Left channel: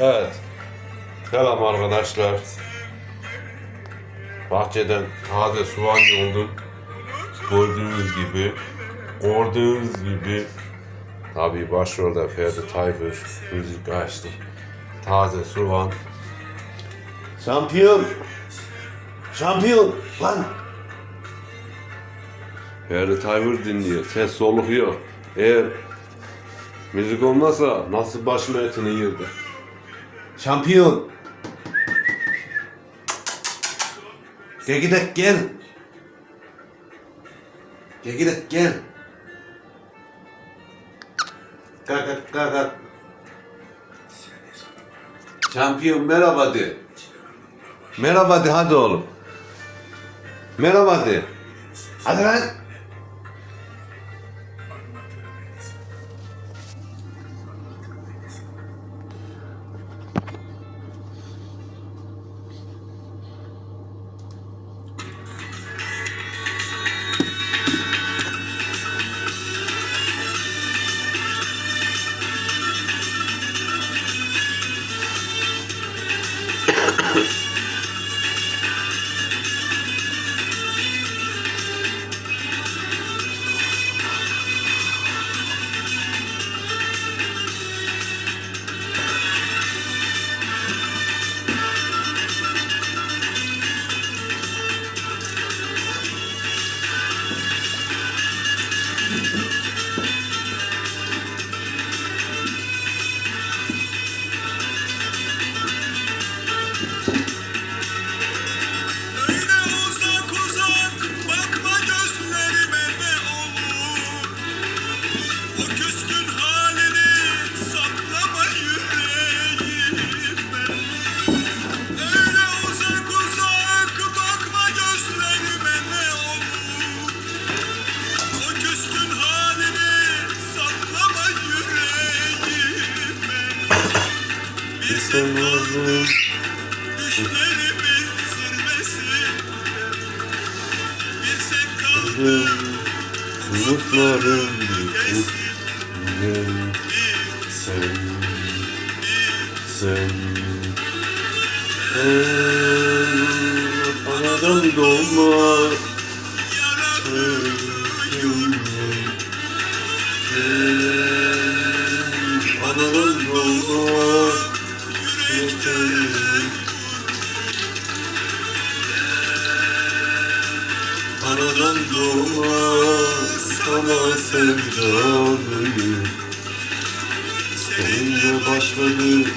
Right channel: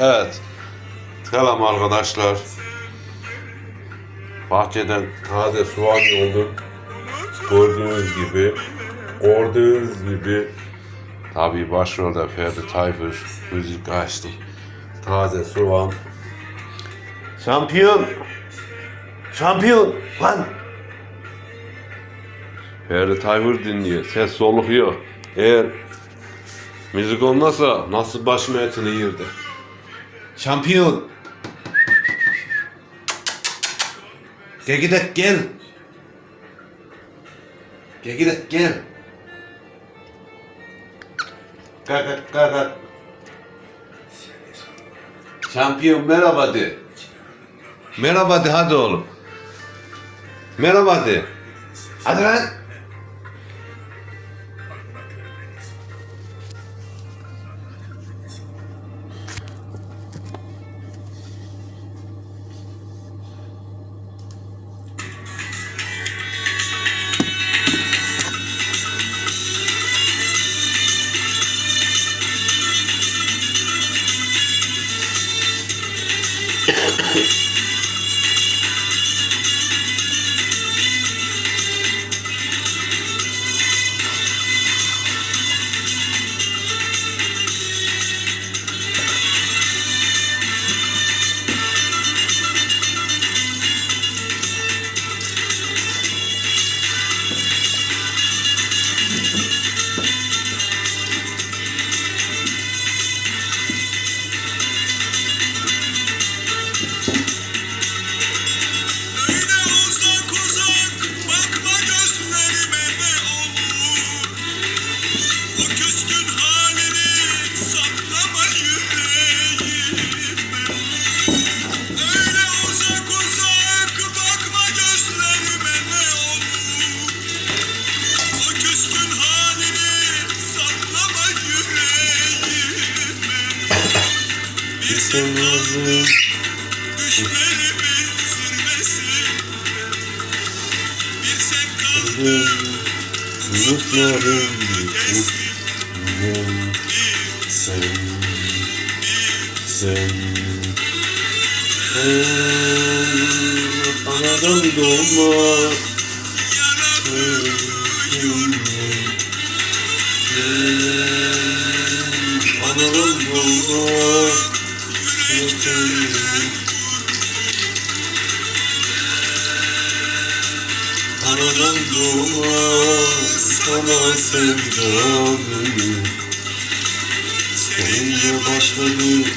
Evet. Selam arkadaşlar. Bahçeden taze soğan yoldum. Gördüğünüz gibi. Gördüğünüz gibi. Tabii başrolde Ferdi Tayfur. Müzik açtı. Taze soğan. Şampiyon. Şampiyon. Lan. Ferdi Tayfur dinliyor. Ses soluk yok. Eğer müzik olmasa nasıl başım etini yirdi. Şampiyon. Gel gidek gel. Gel gidek gel. Kalk kalk kalk kalk. Şampiyon merhaba de. Merhaba de hadi oğlum. Merhaba de. Hadi lan. Sen, sen, sen, anadan doğma, anadan doğma, anadan doğma, sana sevdalıyım. Seninle başladı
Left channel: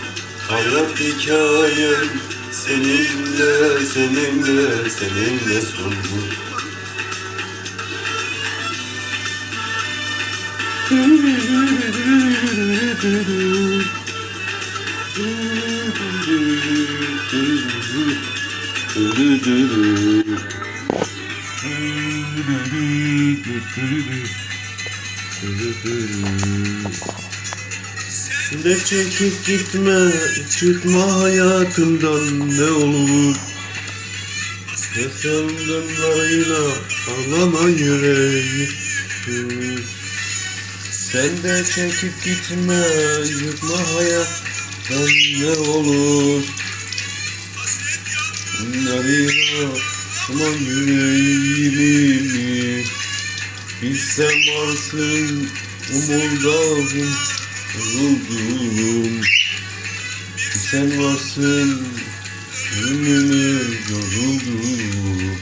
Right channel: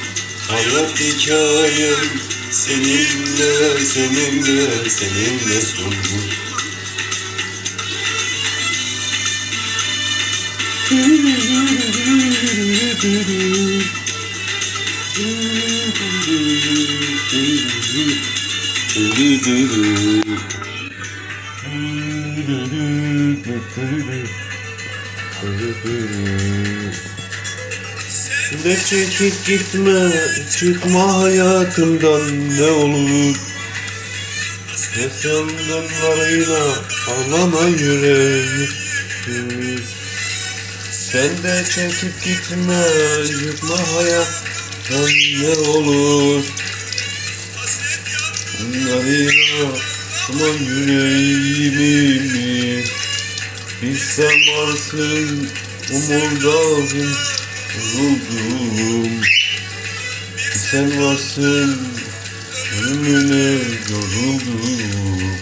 hayat hikayem Seninle, seninle, seninle sondu Ne çekip gitme, çıkma hayatımdan ne olur? Ne sandınlarıyla ağlama yüreğim? Sen de çekip gitme, yıkma hayattan ne olur? Bunlarıyla aman yüreğimi Bilsem varsın umurdadım yoruldum Sen varsın ölümüne yoruldum.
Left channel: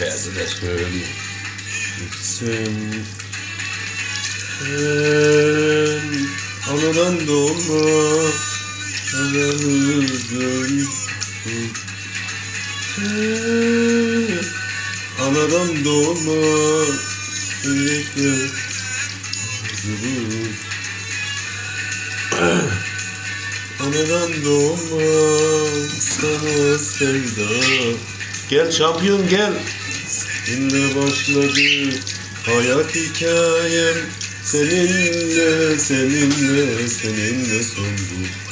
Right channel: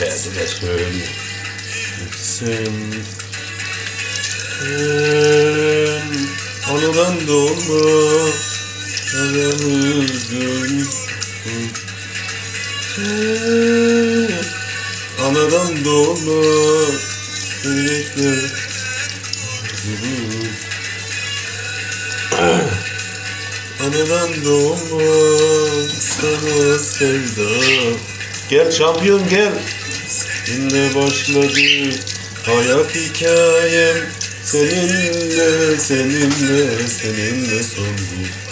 Derdine söyle. Sen Sen Anadan doğma Aramızdan Sen Anadan doğma Yürekler Anadan doğma sana sevda. Gel şampiyon gel. Seninle başladı hayat hikayem. Seninle, seninle, seninle sondu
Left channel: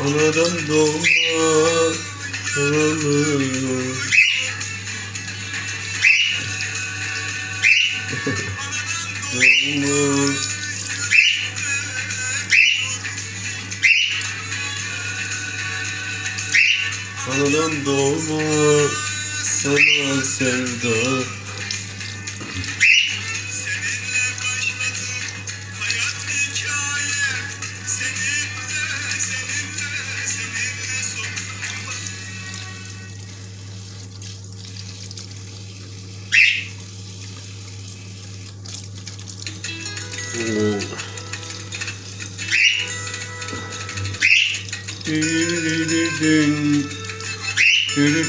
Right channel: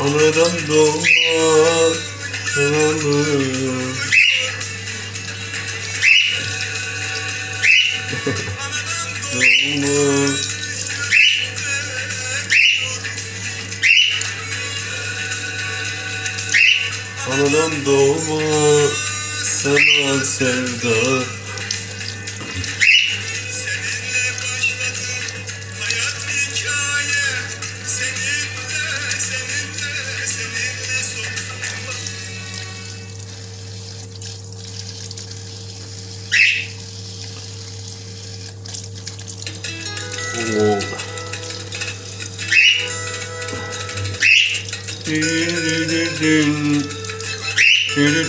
Anadan doğma Doğma Doğma Anadan doğma Sana sevda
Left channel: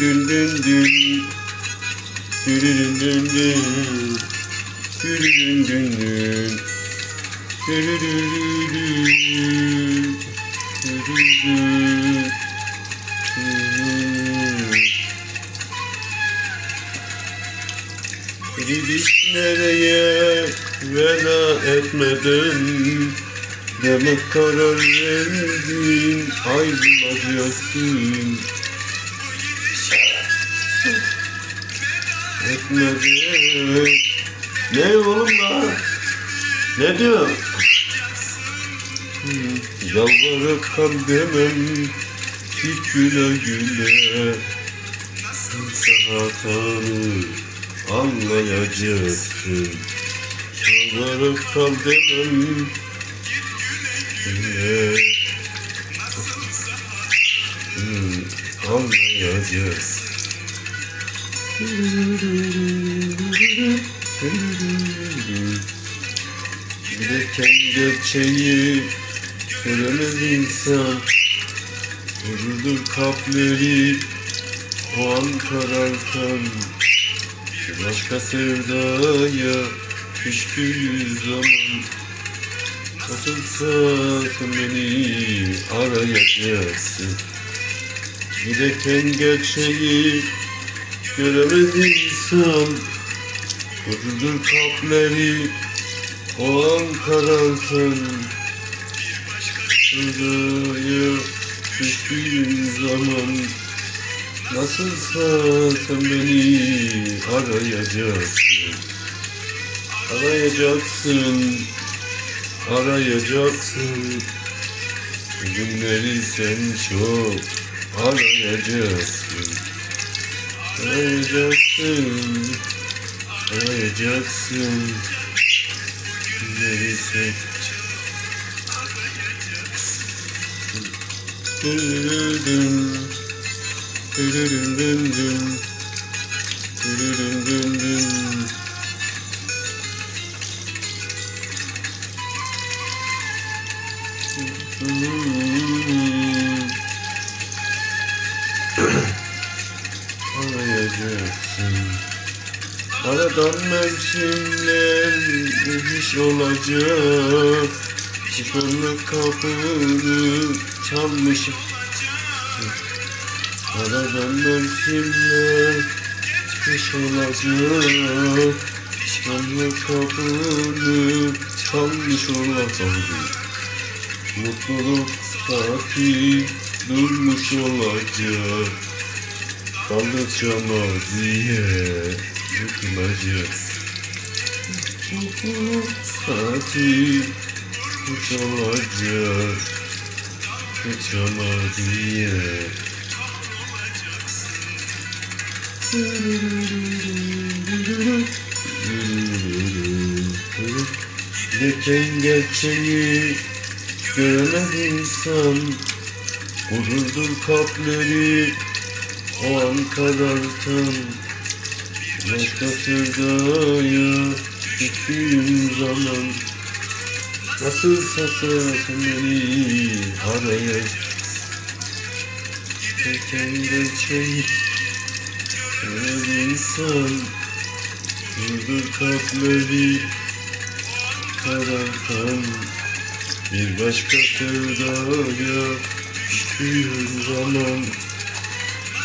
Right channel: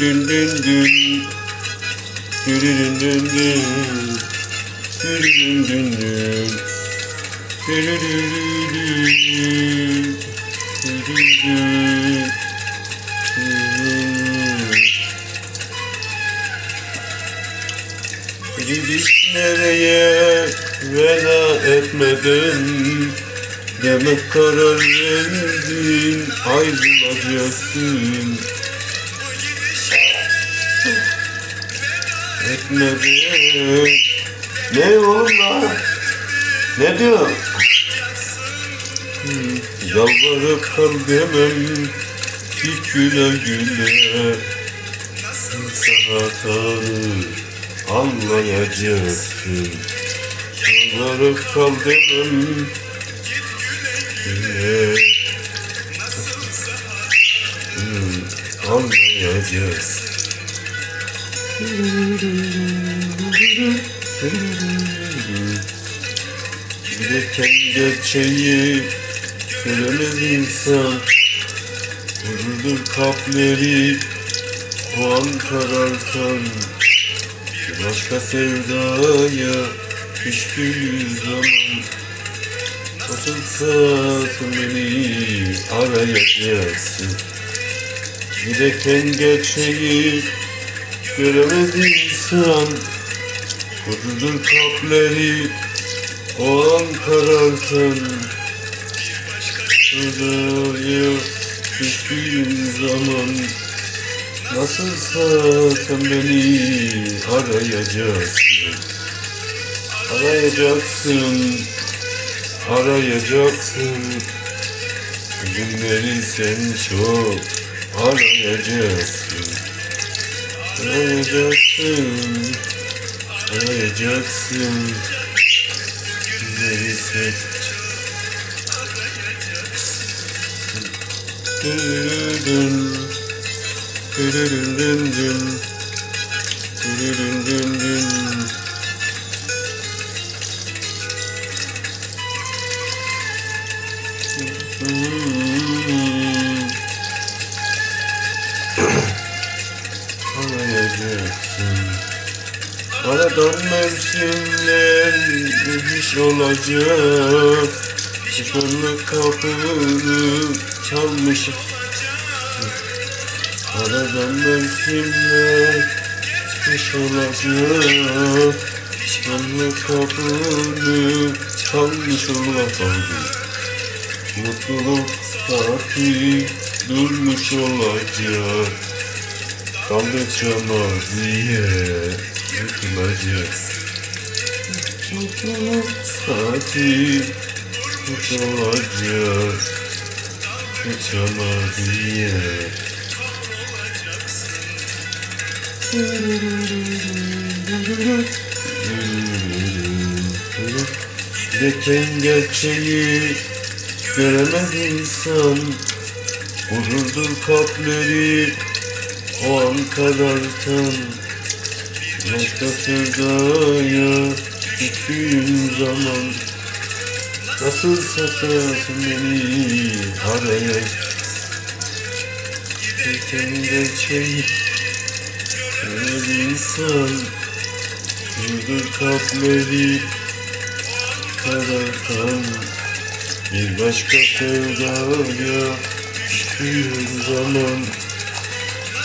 dün dün dün. Dün dün dün dün dün. Dün dün Etmeden Ne oğlum lan? Ne diyor? Hmm, Yalvarıp kal demem Hiç güle güle. Sahatanı anlayacaksın. Yalvarıp kal demem Güle Hmm, Anlayacaksın Giderken gerçeği göremez insan. Vurulur kalpleri o an karartan Bir başka sevdaya düştüğü zaman Nasılsa sen beni arayacaksın. Giderken gerçeği göremez insan Vurulur kalpleri o an karartan Sevdaya düştüğüm zaman Nasılsa sen beni arayacaksın. Arayacaksın Arayacaksın. Günleri sen çok arayacaksın. Arayacaksın Arayacaksın. Günleri sen Dün dün dün dün dün değiş olacak. Çıkanlık kapını çalmış Aradan mevsimler değiş olacak. Çıkanlık kapını çalmış olacak. Mutluluk saati durmuş olacak. Kaldıkça maziye yıkılacak saati durmuş olacak Kaldıkça maziye Giderken gerçeği göremez insan Vururdur kalpleri o an karartan Başka sevdaya düştüğüm zaman. Nasıl satarsın beni? Araya Giderken gerçeği göremez insan. Vururdur kalpleri karartan Bir başka sevdaya düştüğüm zaman.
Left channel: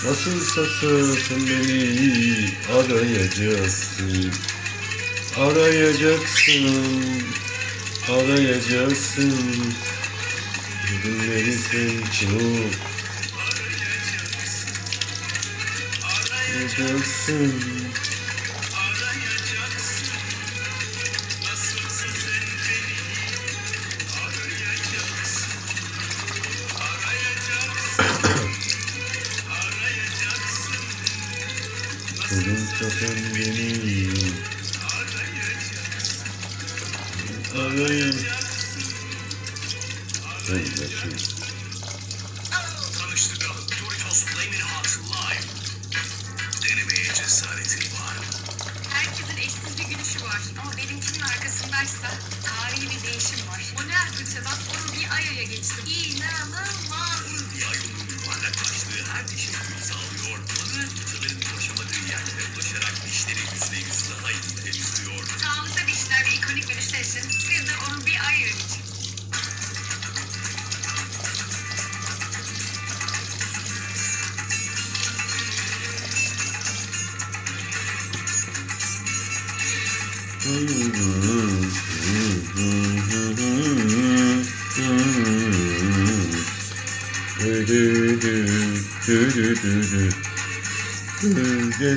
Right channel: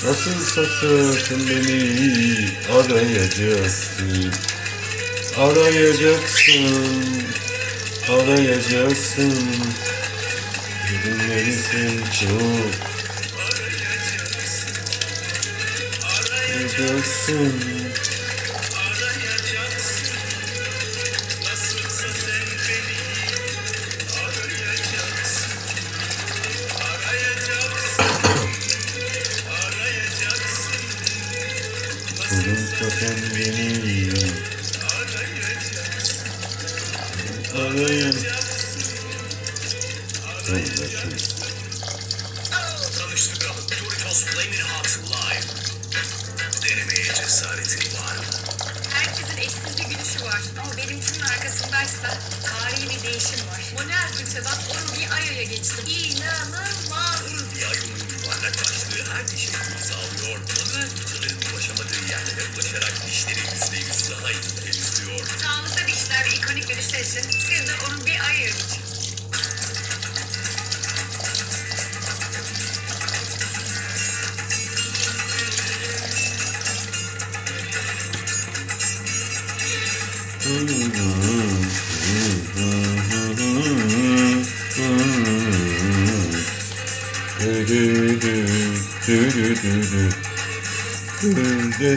Nasıl satarsın beni? Arayacaksın Arayacaksın, arayacaksın. Gülmelisin çok. Arayacaksın. Arayacaksın. Arayacaksın. Arayacaksın. Arayacaksın. Denemeye cesaretin var. Herkesin eşsiz bir gülüşü var. Ama benimkinin arkasındaysa tarihi bir değişim var. Modern Gülse bak onu bir ay aya geçtim. İnanılmaz. Ayının yuvarlak başlığı her dişin uyum sağlıyor. Manuel fırçaların ulaşamadığı yerlere dişleri yüzde yüz daha iyi temizliyor. Dişler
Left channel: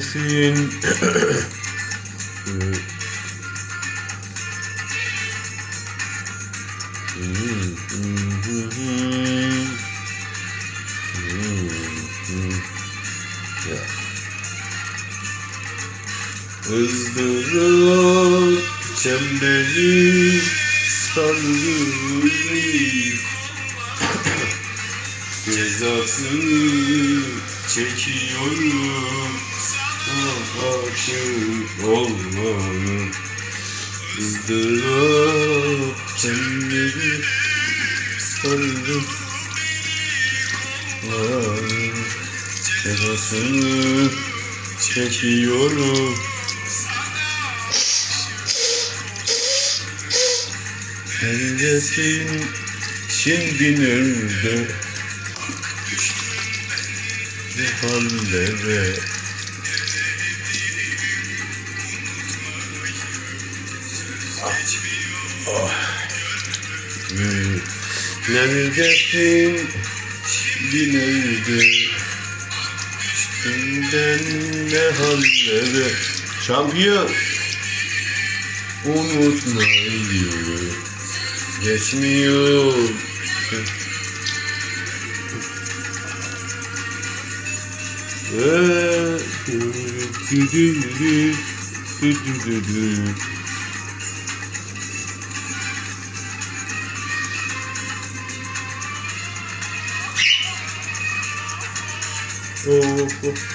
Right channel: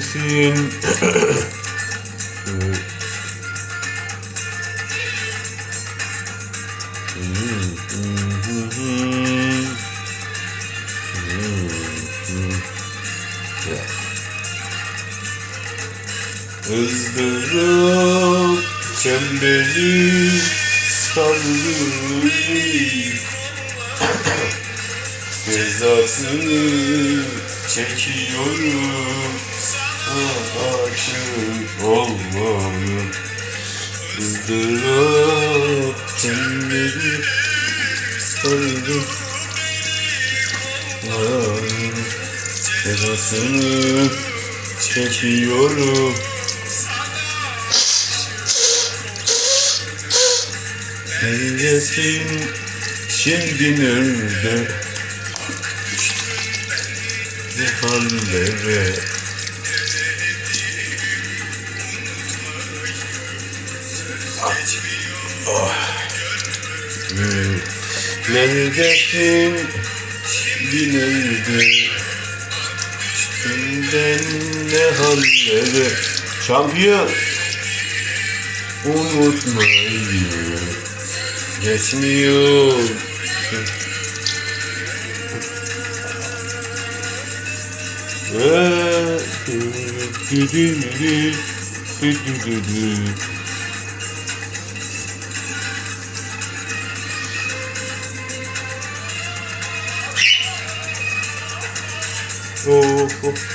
siz ızdırap çemberi sardı Cezasını çekiyorum Aşık olmalı ızdırap çemberi sardı Cezasını çekiyorum Neredesin şimdi nerede Ne hallere Ah. Hmm. Neredesin Üstünden ne hallere Şampiyon Unutmayı Geçmiyor Oh, oh. Temiz aşkın sonu hüsranla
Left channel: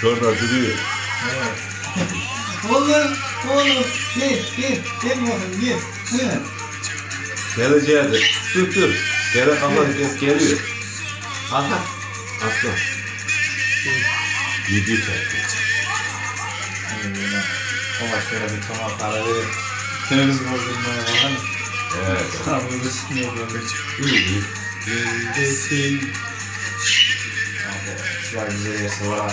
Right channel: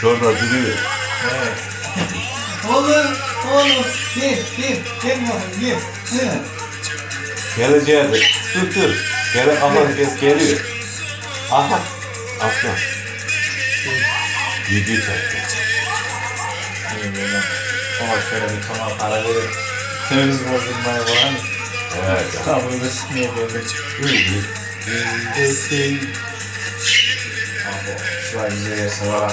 Sonra duruyor. Oğlum, oğlum, gel, gel, gel bakayım, gel. He. Geleceğe de. Dur dur. Gene kafanı kes geliyor. Aha. Atla. Zaten. Eyvallah. Ama şöyle bir tamam para verir. Kırmızı bozulmaya var mı? Evet. Tabii da sinir böyle. Neredesin? Abi, şu an bize yasa var.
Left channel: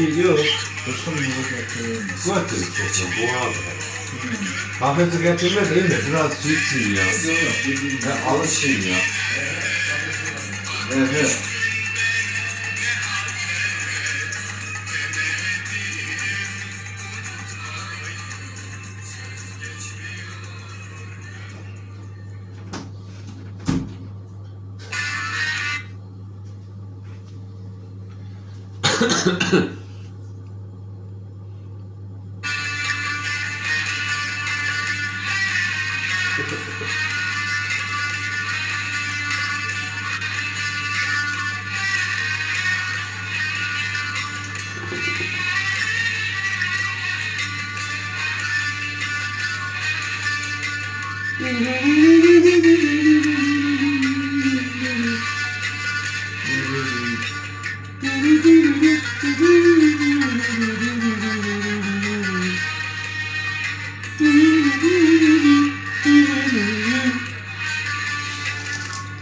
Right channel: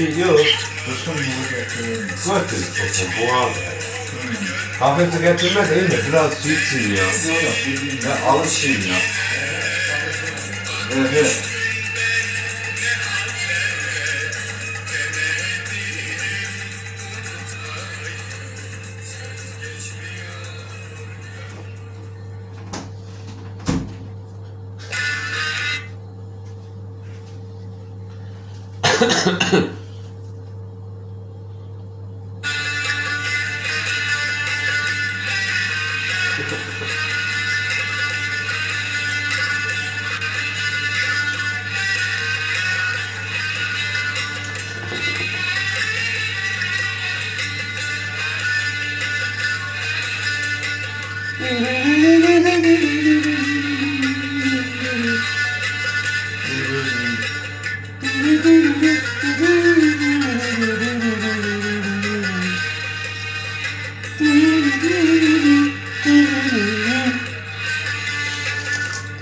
Gidiyorum. Yok. Bunu. Götür çocuğum bu abi. Kafesi getirme değil mi? Biraz çiğsin ya. Ya alışayım ya. Evet evet.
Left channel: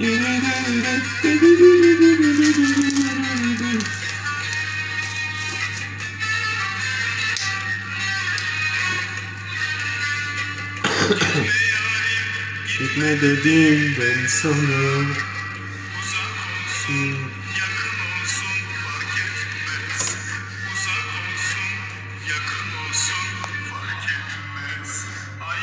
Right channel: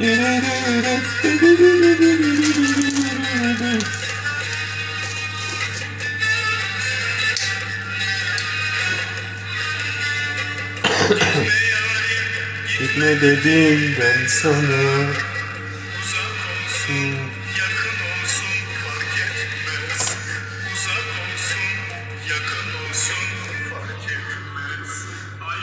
ne dedim ben sana? Sen